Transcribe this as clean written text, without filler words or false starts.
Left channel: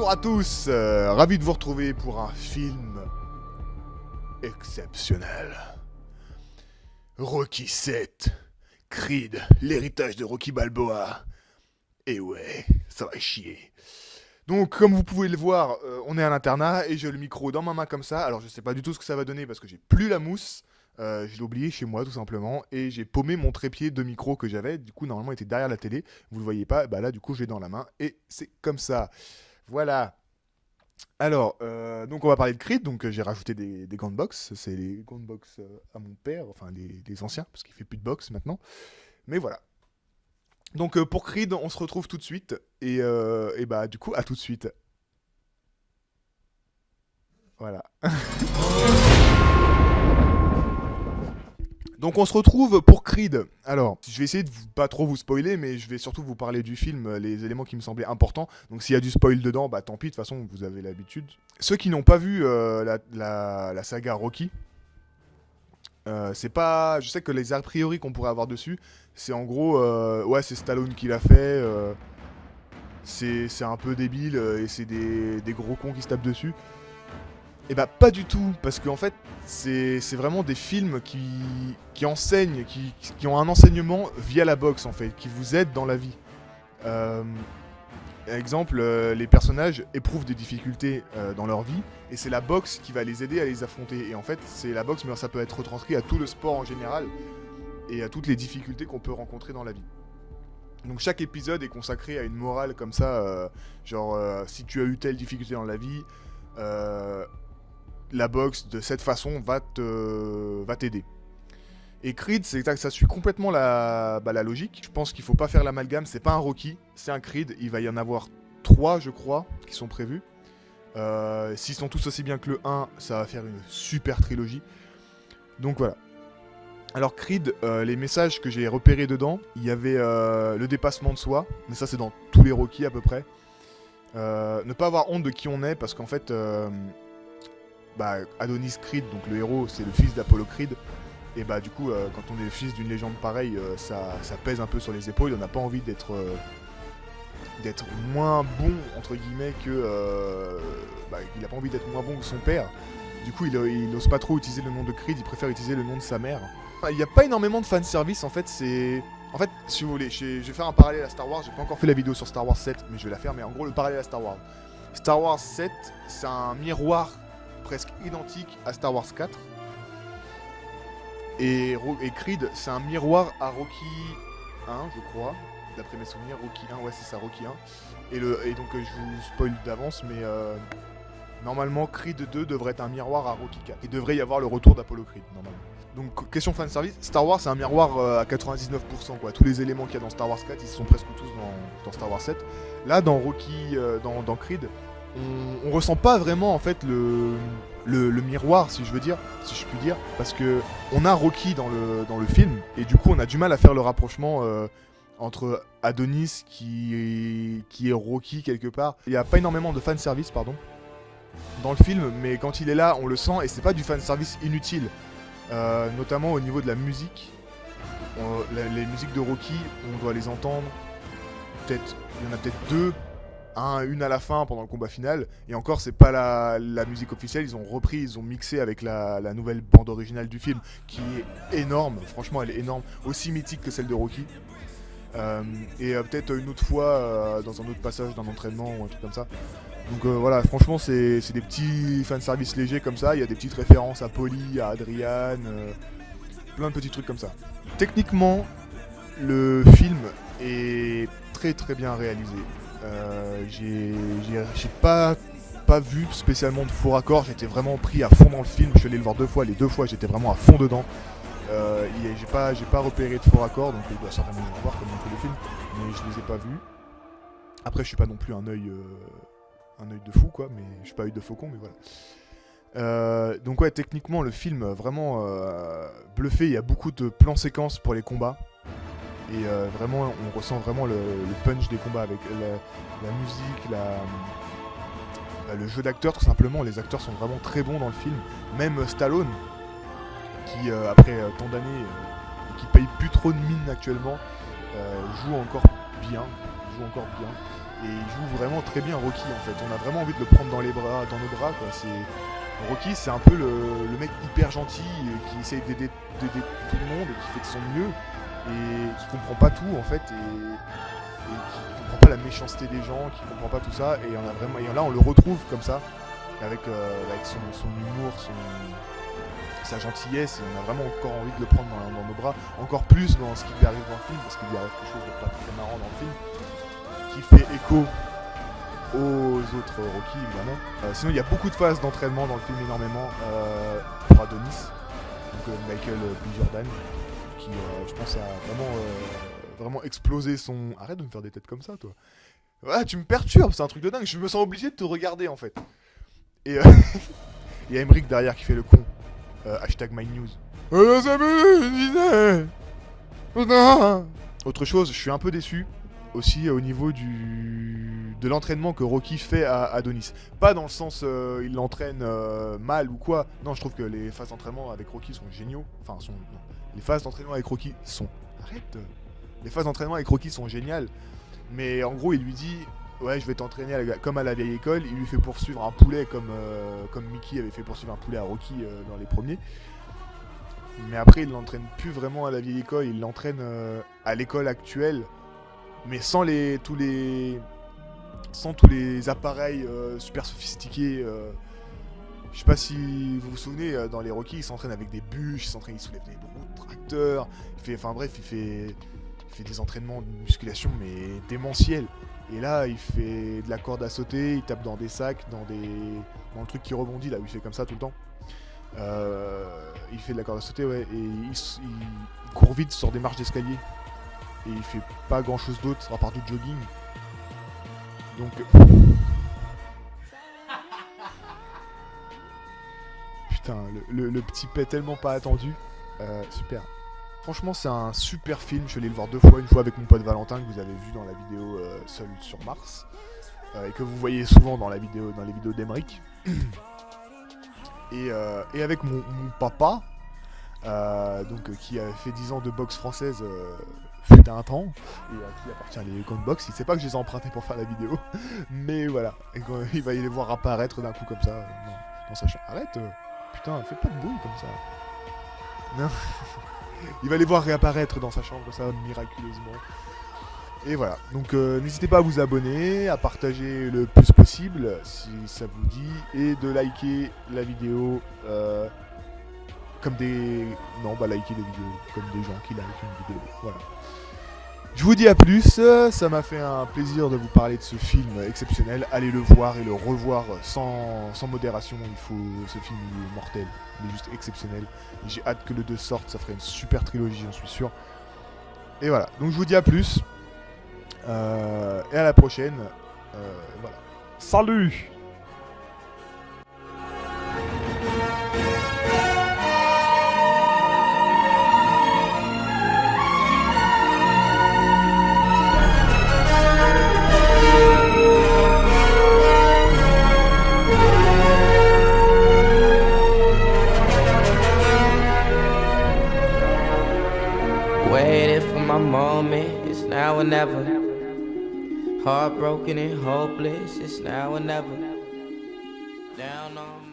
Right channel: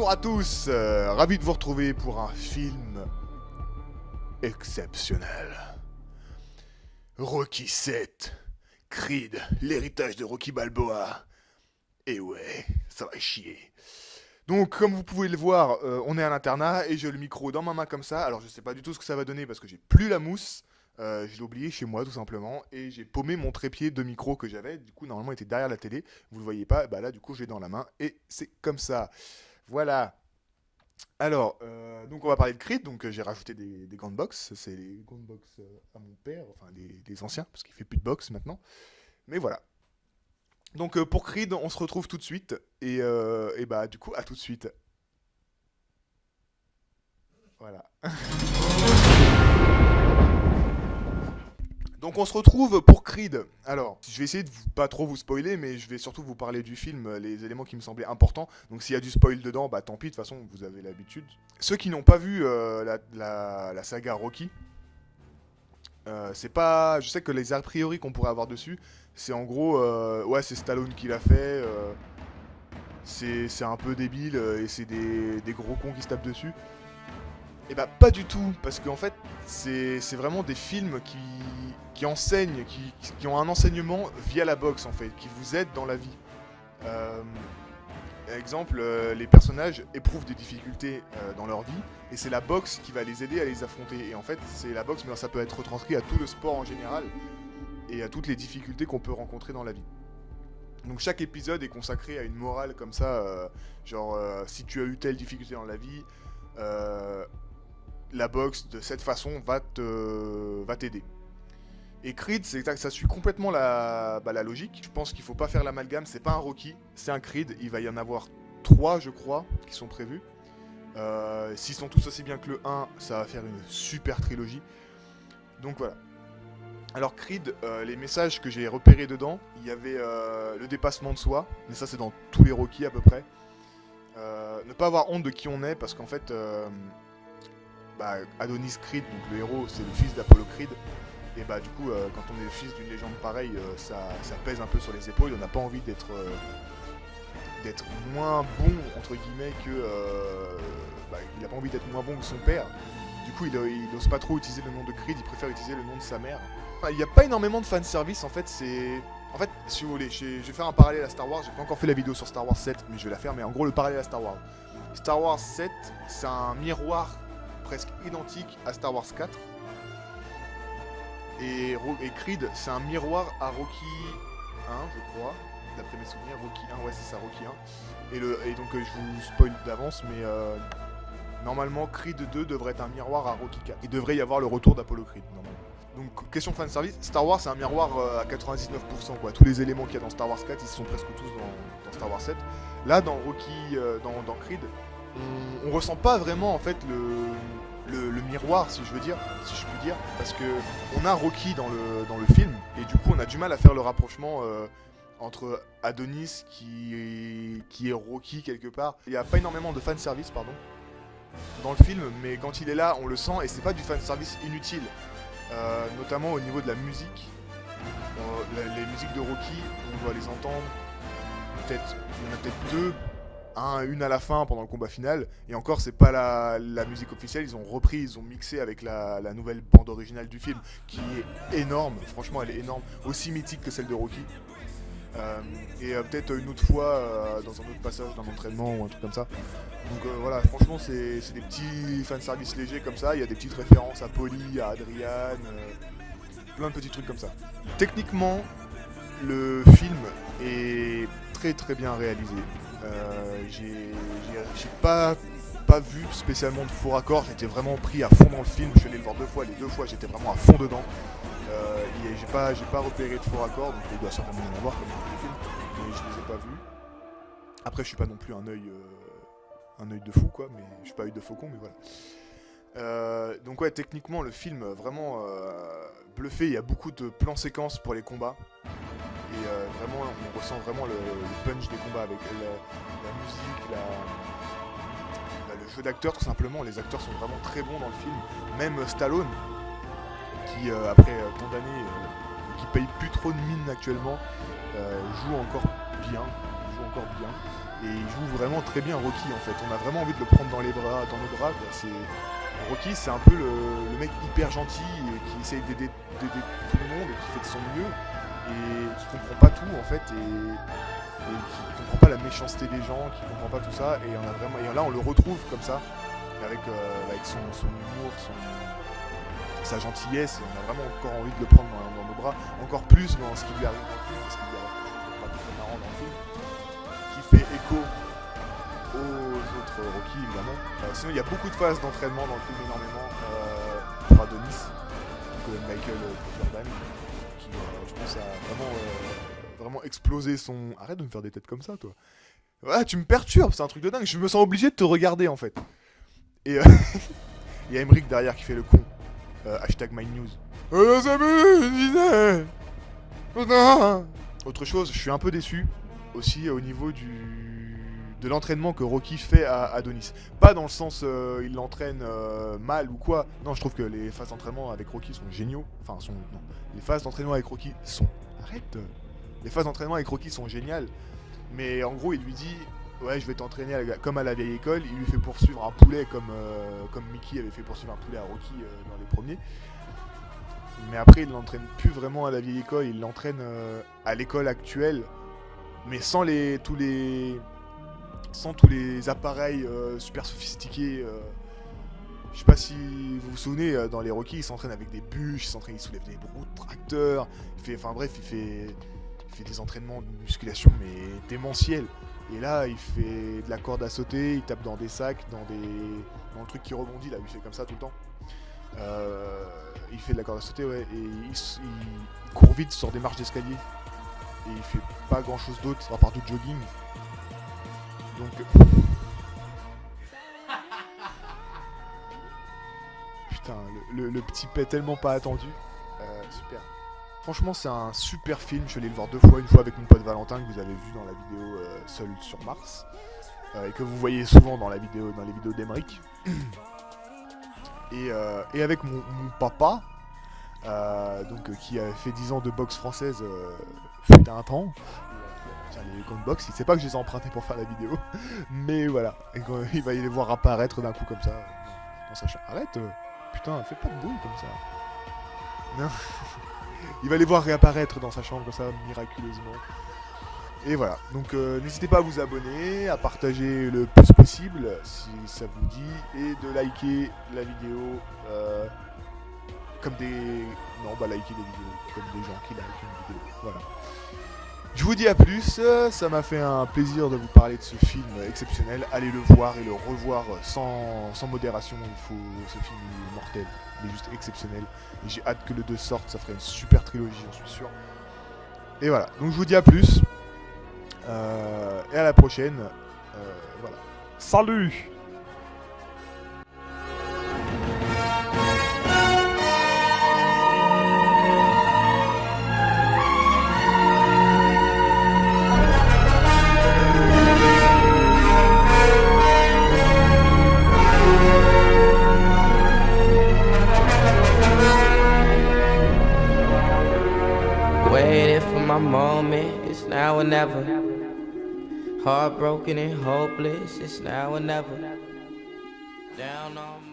Bonjour à tous, ravi de vous retrouver pour un film exceptionnel. Rocky 7, Creed, l'héritage de Rocky Balboa. Et ouais, ça va chier. Donc comme vous pouvez le voir, on est à l'internat et j'ai le micro dans ma main comme ça. Alors je sais pas du tout ce que ça va donner parce que j'ai plus la mousse. Je l'ai oublié chez moi tout simplement et j'ai paumé mon trépied de micro que j'avais. Du coup normalement il était derrière la télé. Vous le voyez pas, bah là du coup je l'ai dans la main et c'est comme ça. Voilà. Alors, donc on va parler de Creed, donc j'ai rajouté des gants de boxe, c'est les gants de boxe à mon père, enfin les anciens, parce qu'il fait plus de boxe maintenant. Mais voilà. Donc pour Creed, on se retrouve tout de suite, et bah du coup, à tout de suite. Voilà. Donc on se retrouve pour Creed. Alors, je vais essayer de pas trop vous spoiler, mais je vais surtout vous parler du film, les éléments qui me semblaient importants. Donc s'il y a du spoil dedans, bah tant pis, de toute façon, vous avez l'habitude. Ceux qui n'ont pas vu la saga Rocky, c'est pas... Je sais que les a priori qu'on pourrait avoir dessus, c'est en gros... ouais, c'est Stallone qui l'a fait, c'est un peu débile, et c'est des gros cons qui se tapent dessus. Et bah pas du tout, parce qu'en fait, c'est vraiment des films qui enseignent, qui ont un enseignement via la boxe en fait, qui vous aident dans la vie. Euh, Exemple, les personnages éprouvent des difficultés dans leur vie, et c'est la boxe qui va les aider à les affronter. Et en fait, c'est la boxe, mais ça peut être retranscrit à tout le sport en général, et à toutes les difficultés qu'on peut rencontrer dans la vie. Donc chaque épisode est consacré à une morale comme ça, genre si tu as eu telle difficulté dans la vie, euh, la boxe de cette façon va t'aider. Et Creed, ça suit complètement la logique. Je pense qu'il faut pas faire l'amalgame, c'est pas un Rocky, c'est un Creed. Il va y en avoir 3, je crois, qui sont prévus. S'ils sont tous aussi bien que le 1, ça va faire une super trilogie. Donc voilà. Alors Creed, les messages que j'ai repérés dedans, il y avait le dépassement de soi, mais ça c'est dans tous les Rocky à peu près. Ne pas avoir honte de qui on est, parce qu'en fait, bah, Adonis Creed, donc le héros, c'est le fils d'Apollo Creed. Et bah du coup, quand on est le fils d'une légende pareille, ça pèse un peu sur les épaules. On n'a pas envie d'être moins bon entre guillemets que bah, il a pas envie d'être moins bon que son père. Du coup, il ose pas trop utiliser le nom de Creed. Il préfère utiliser le nom de sa mère. Il n'y a pas énormément de fanservice en fait. En fait, si vous voulez, je vais faire un parallèle à Star Wars. J'ai pas encore fait la vidéo sur Star Wars 7, mais je vais la faire. Mais en gros, le parallèle à Star Wars. Star Wars 7, c'est un miroir presque identique à Star Wars 4. Et Creed, c'est un miroir à Rocky 1, je crois. D'après mes souvenirs, Rocky 1, ouais, c'est ça, Rocky 1. Et donc, je vous spoil d'avance, mais normalement, Creed 2 devrait être un miroir à Rocky 4. Il devrait y avoir le retour d'Apollo Creed, normalement. Donc, question fanservice, Star Wars, c'est un miroir à 99%, quoi. Tous les éléments qu'il y a dans Star Wars 4, ils sont presque tous dans Star Wars 7. Là, dans Rocky, dans Creed, on ressent pas vraiment, en fait, le miroir, si je veux dire, si je puis dire, parce que on a Rocky dans le film, et du coup on a du mal à faire le rapprochement entre Adonis qui est Rocky quelque part. Il n'y a pas énormément de fanservice, pardon, dans le film, mais quand il est là, on le sent, et c'est pas du fanservice inutile, notamment au niveau de la musique. Les musiques de Rocky, on doit les entendre, peut-être, il y en a peut-être deux, une à la fin pendant le combat final, et encore c'est pas la musique officielle, ils ont repris, ils ont mixé avec la nouvelle bande originale du film qui est énorme, franchement elle est énorme, aussi mythique que celle de Rocky. Et peut-être une autre fois dans un autre passage d'un entraînement ou un truc comme ça. Donc voilà, franchement c'est des petits fanservice légers comme ça, il y a des petites références à Polly, à Adrian, plein de petits trucs comme ça. Techniquement, le film est très très bien réalisé. J'ai pas vu spécialement de faux raccords, j'étais vraiment pris à fond dans le film, je suis allé le voir 2 fois, les 2 fois j'étais vraiment à fond dedans. J'ai pas repéré de faux raccords, donc il doit certainement y en avoir comme dans tous les films, mais je les ai pas vus. Après je suis pas non plus un œil de fou quoi, mais je suis pas œil de faucon, mais voilà. Donc ouais, techniquement le film vraiment bluffé, il y a beaucoup de plans séquences pour les combats. Et vraiment, on ressent vraiment le punch des combats avec la musique, le jeu d'acteurs tout simplement. Les acteurs sont vraiment très bons dans le film. Même Stallone, qui après tant d'années, qui paye plus trop de mine actuellement, joue encore bien. Et il joue vraiment très bien Rocky en fait. On a vraiment envie de le prendre dans nos bras quoi. Rocky, c'est un peu le mec hyper gentil qui essaye d'aider tout le monde et qui fait de son mieux et qui comprend pas tout en fait et qui comprend pas la méchanceté des gens, qui comprend pas tout ça et là on le retrouve comme ça avec son humour, sa gentillesse et on a vraiment encore envie de le prendre dans nos bras, encore plus dans ce qui lui arrive dans le film parce qu'il lui arrive quelque chose de pas très marrant dans le film qui fait écho aux autres Rocky évidemment. Sinon il y a beaucoup de phases d'entraînement dans le film, énormément pour Adonis, donc Michael B. Jordan, qui je pense a vraiment explosé son... Arrête de me faire des têtes comme ça toi. Ouais, tu me perturbes, c'est un truc de dingue, je me sens obligé de te regarder en fait. Et il y a Emmerich derrière qui fait le con. Hashtag MyNews. Autre chose, je suis un peu déçu aussi au niveau de l'entraînement que Rocky fait à Adonis. Pas dans le sens il l'entraîne mal ou quoi. Non, je trouve que les phases d'entraînement avec Rocky sont géniaux. Non. Les phases d'entraînement avec Rocky sont... Arrête. Les phases d'entraînement avec Rocky sont géniales. Mais en gros, il lui dit... Ouais, je vais t'entraîner comme à la vieille école. Il lui fait poursuivre un poulet comme Mickey avait fait poursuivre un poulet à Rocky dans les premiers. Mais après, il l'entraîne plus vraiment à la vieille école. Il l'entraîne à l'école actuelle, mais sans tous les appareils super sophistiqués. Je sais pas si vous vous souvenez, dans les Rocky, il s'entraîne avec des bûches, il soulève des roues de tracteur. Il fait des entraînements de musculation mais démentiels. Et là, il fait de la corde à sauter, il tape dans des sacs, dans le truc qui rebondit là où il fait comme ça tout le temps. Il fait de la corde à sauter, ouais, et il court vite sur des marches d'escalier. Et il fait pas grand chose d'autre à part du jogging. Donc. Putain, le petit pet tellement pas attendu. Super. Franchement, c'est un super film. Je suis allé le voir 2 fois. Une fois avec mon pote Valentin, que vous avez vu dans la vidéo Seul sur Mars. Et que vous voyez souvent dans les vidéos d'Emmerich. Et avec mon papa, qui a fait 10 ans de boxe française fut un temps, et à qui appartient les comptes boxe. Il sait pas que je les ai empruntés pour faire la vidéo. Mais voilà. Et quand il va y les voir apparaître d'un coup comme ça dans sa chambre. Arrête, putain, fais pas de bruit comme ça. Non. Il va les voir réapparaître dans sa chambre comme ça, miraculeusement. Et voilà, donc n'hésitez pas à vous abonner, à partager le plus possible si ça vous dit, et de liker la vidéo liker les vidéos comme des gens qui likent une vidéo, voilà. Je vous dis à plus, ça m'a fait un plaisir de vous parler de ce film exceptionnel. Allez le voir et le revoir sans modération, ce film est mortel, il est juste exceptionnel. Et j'ai hâte que le 2 sorte, ça ferait une super trilogie, j'en suis sûr. Et voilà, donc je vous dis à plus, et à la prochaine, voilà. Salut! Waiting for my moment, it's now or never. Heartbroken and hopeless, it's now or never. Down on